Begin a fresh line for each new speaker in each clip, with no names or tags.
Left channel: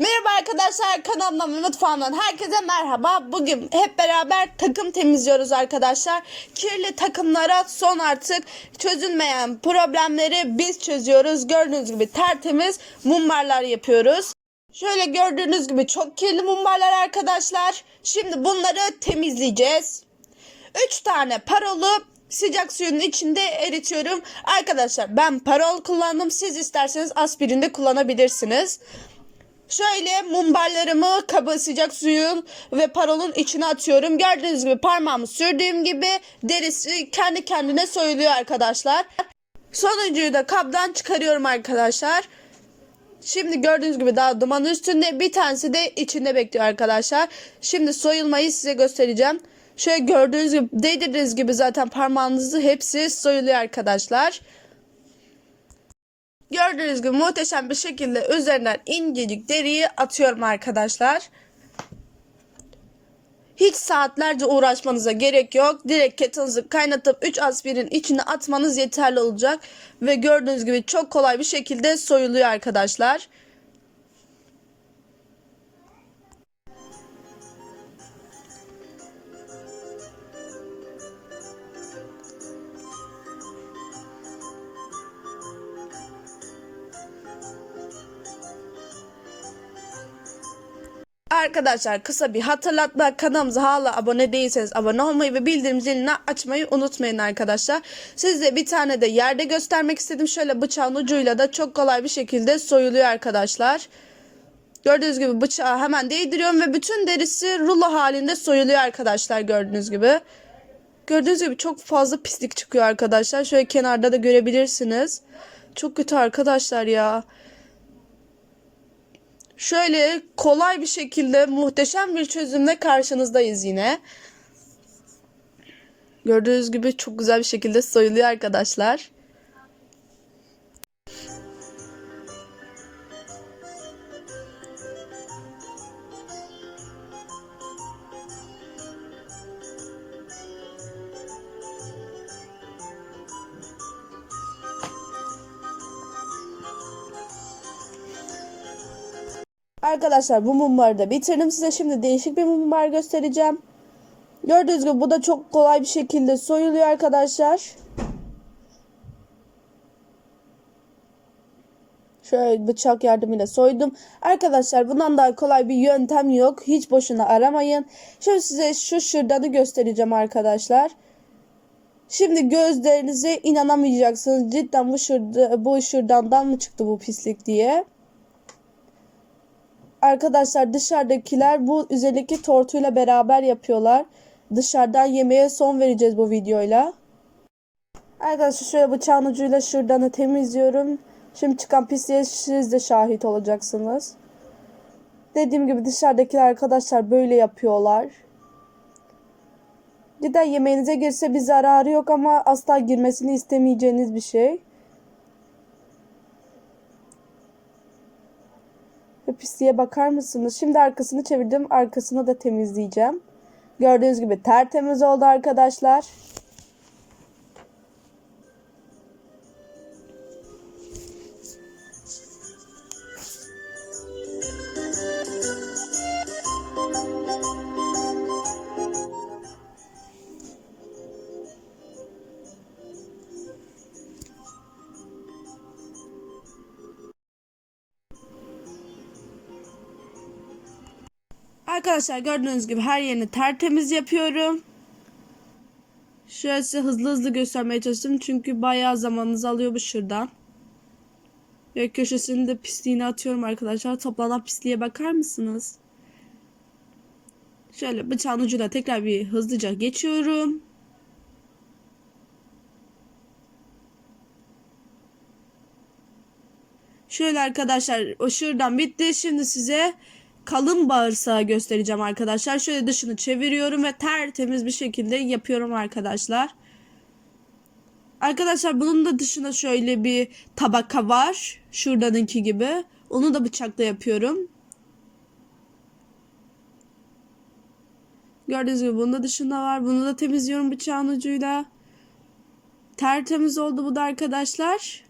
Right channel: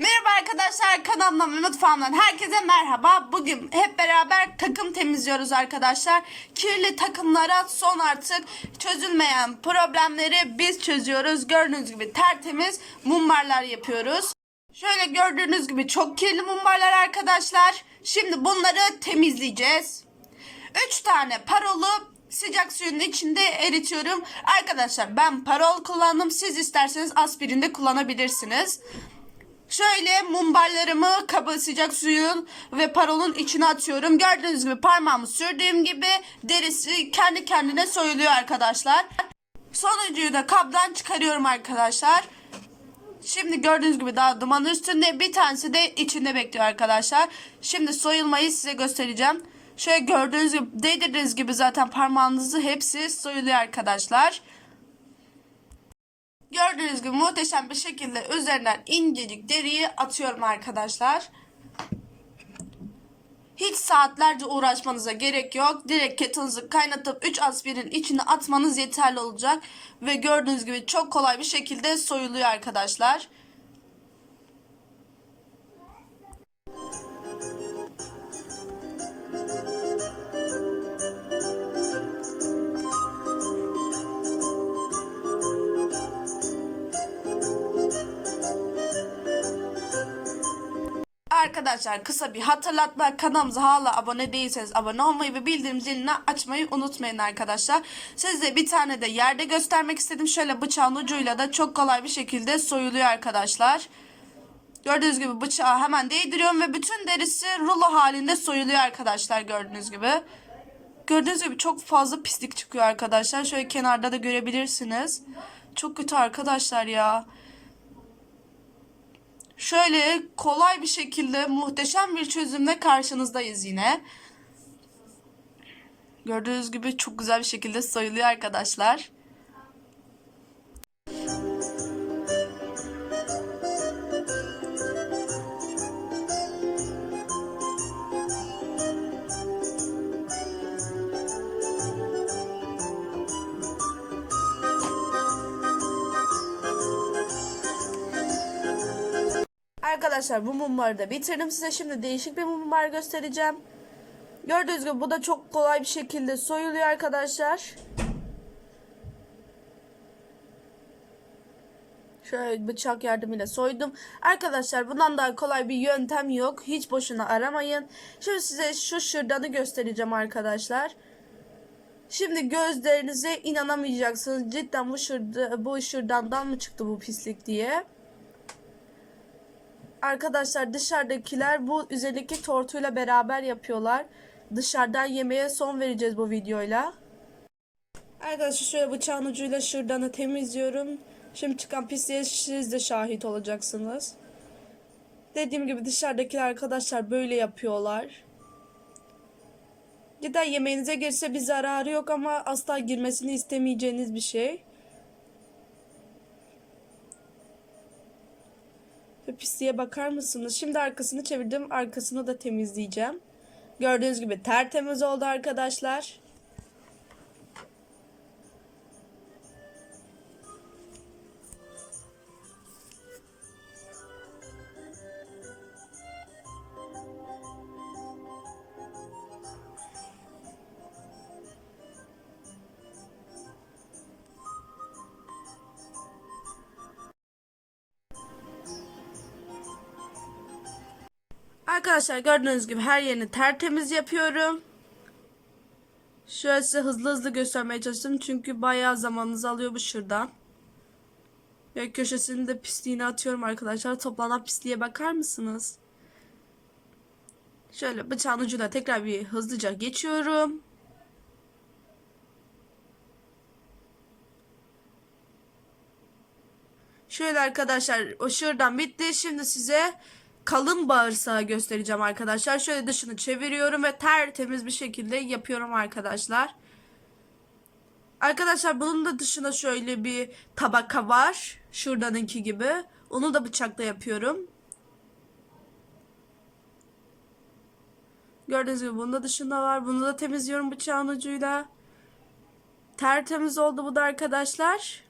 Merhaba arkadaşlar kanalımdan ve mutfağımdan herkese merhaba. Bugün hep beraber takım temizliyoruz arkadaşlar. Kirli takımlara son artık çözülmeyen problemleri biz çözüyoruz. Gördüğünüz gibi tertemiz mumbarlar yapıyoruz. Şöyle gördüğünüz gibi çok kirli mumbarlar arkadaşlar. Şimdi bunları temizleyeceğiz. 3 tane parolu sıcak suyun içinde eritiyorum. Arkadaşlar ben parol kullandım. Siz isterseniz aspirin de kullanabilirsiniz. Şöyle mumbarlarımı kaba sıcak suyun ve parolun içine atıyorum. Gördüğünüz gibi parmağımı sürdüğüm gibi derisi kendi kendine soyuluyor arkadaşlar. Sonuncuyu da kabdan çıkarıyorum arkadaşlar. Şimdi gördüğünüz gibi daha duman üstünde bir tanesi de içinde bekliyor arkadaşlar. Şimdi soyulmayı size göstereceğim. Şöyle gördüğünüz gibi değdirdiğiniz gibi zaten parmağınızı hepsi soyuluyor arkadaşlar. Gördüğünüz gibi muhteşem bir şekilde üzerinden incecik deriyi atıyorum arkadaşlar. Hiç saatlerce uğraşmanıza gerek yok. Direkt kettle'ınızı kaynatıp 3 aspirin içine atmanız yeterli olacak. Ve gördüğünüz gibi çok kolay bir şekilde soyuluyor arkadaşlar. Arkadaşlar kısa bir hatırlatma kanalımıza hala abone değilseniz abone olmayı ve bildirim zilini açmayı unutmayın arkadaşlar. Size bir tane de yerde göstermek istedim. Şöyle bıçağın ucuyla da çok kolay bir şekilde soyuluyor arkadaşlar. Gördüğünüz gibi bıçağı hemen değdiriyorum ve bütün derisi rulo halinde soyuluyor arkadaşlar gördüğünüz gibi. Gördüğünüz gibi çok fazla pislik çıkıyor arkadaşlar. Şöyle kenarda da görebilirsiniz. Çok kötü arkadaşlar ya. Şöyle kolay bir şekilde muhteşem bir çözümle karşınızdayız yine. Gördüğünüz gibi çok güzel bir şekilde soyuluyor arkadaşlar. Arkadaşlar bu mumları da bitirdim. Size şimdi değişik bir mumbar göstereceğim. Gördüğünüz gibi bu da çok kolay bir şekilde soyuluyor arkadaşlar. Şöyle bıçak yardımıyla soydum. Arkadaşlar bundan daha kolay bir yöntem yok. Hiç boşuna aramayın. Şimdi size şu şırdanı göstereceğim arkadaşlar. Şimdi gözlerinize inanamayacaksınız. Cidden bu, şırda, bu şırdandan mı çıktı bu pislik diye. Arkadaşlar dışarıdakiler bu üzerindeki tortuyla beraber yapıyorlar. Dışarıdan yemeğe son vereceğiz bu videoyla. Arkadaşlar şöyle bıçağın ucuyla şırdanı temizliyorum. Şimdi çıkan pisliğe siz de şahit olacaksınız. Dediğim gibi dışarıdakiler arkadaşlar böyle yapıyorlar. Cidden yemeğinize girse bir zararı yok ama asla girmesini istemeyeceğiniz bir şey. Pisliğe bakar mısınız? Şimdi arkasını çevirdim. Arkasını da temizleyeceğim. Gördüğünüz gibi tertemiz oldu arkadaşlar. Arkadaşlar gördüğünüz gibi her yerini tertemiz yapıyorum. Şöyle size hızlı hızlı göstermeye çalıştım. Çünkü bayağı zamanınızı alıyor bu şuradan. Ve köşesini de pisliğini atıyorum arkadaşlar. Toplanan pisliğe bakar mısınız? Şöyle bıçağın ucuyla tekrar bir hızlıca geçiyorum. Şöyle arkadaşlar o şuradan bitti. Şimdi size kalın bağırsağı göstereceğim arkadaşlar. Şöyle dışını çeviriyorum ve tertemiz bir şekilde yapıyorum arkadaşlar. Arkadaşlar bunun da dışına şöyle bir tabaka var. Şuradanınki gibi. Onu da bıçakla yapıyorum. Gördüğünüz gibi bunun da dışında var. Bunu da temizliyorum bıçağın ucuyla. Tertemiz oldu bu da arkadaşlar.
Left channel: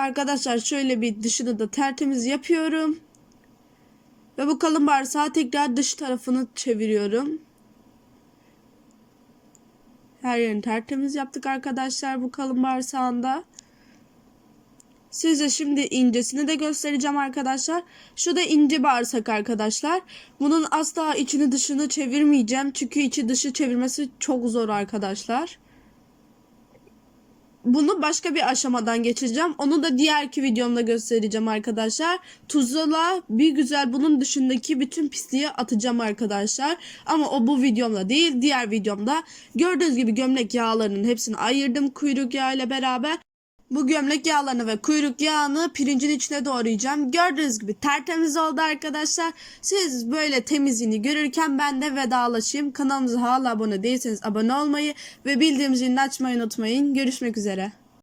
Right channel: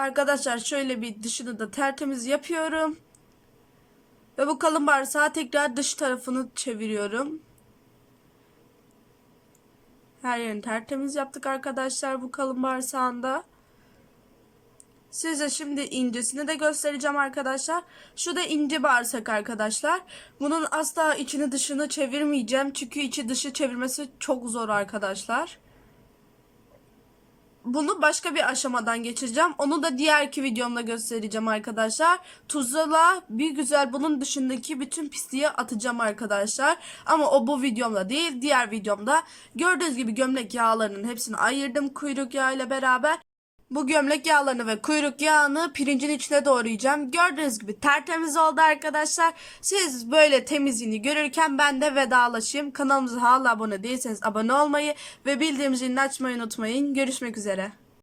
Arkadaşlar şöyle bir dışını da tertemiz yapıyorum. Ve bu kalın bağırsağı tekrar dış tarafını çeviriyorum. Her yerini tertemiz yaptık arkadaşlar bu kalın bağırsağında. Size şimdi incesini de göstereceğim arkadaşlar. Şu da ince bağırsak arkadaşlar. Bunun asla içini dışını çevirmeyeceğim. Çünkü içi dışı çevirmesi çok zor arkadaşlar. Bunu başka bir aşamadan geçeceğim. Onu da diğerki videomda göstereceğim arkadaşlar. Tuzla bir güzel bunun dışındaki bütün pisliği atacağım arkadaşlar. Ama o bu videomda değil diğer videomda. Gördüğünüz gibi gömlek yağlarının hepsini ayırdım kuyruk yağıyla beraber. Bu gömlek yağlarını ve kuyruk yağını pirincin içine doğrayacağım. Gördüğünüz gibi tertemiz oldu arkadaşlar. Siz böyle temizliğini görürken ben de vedalaşayım. Kanalımıza hala abone değilseniz abone olmayı ve bildiğim zilini açmayı unutmayın. Görüşmek üzere.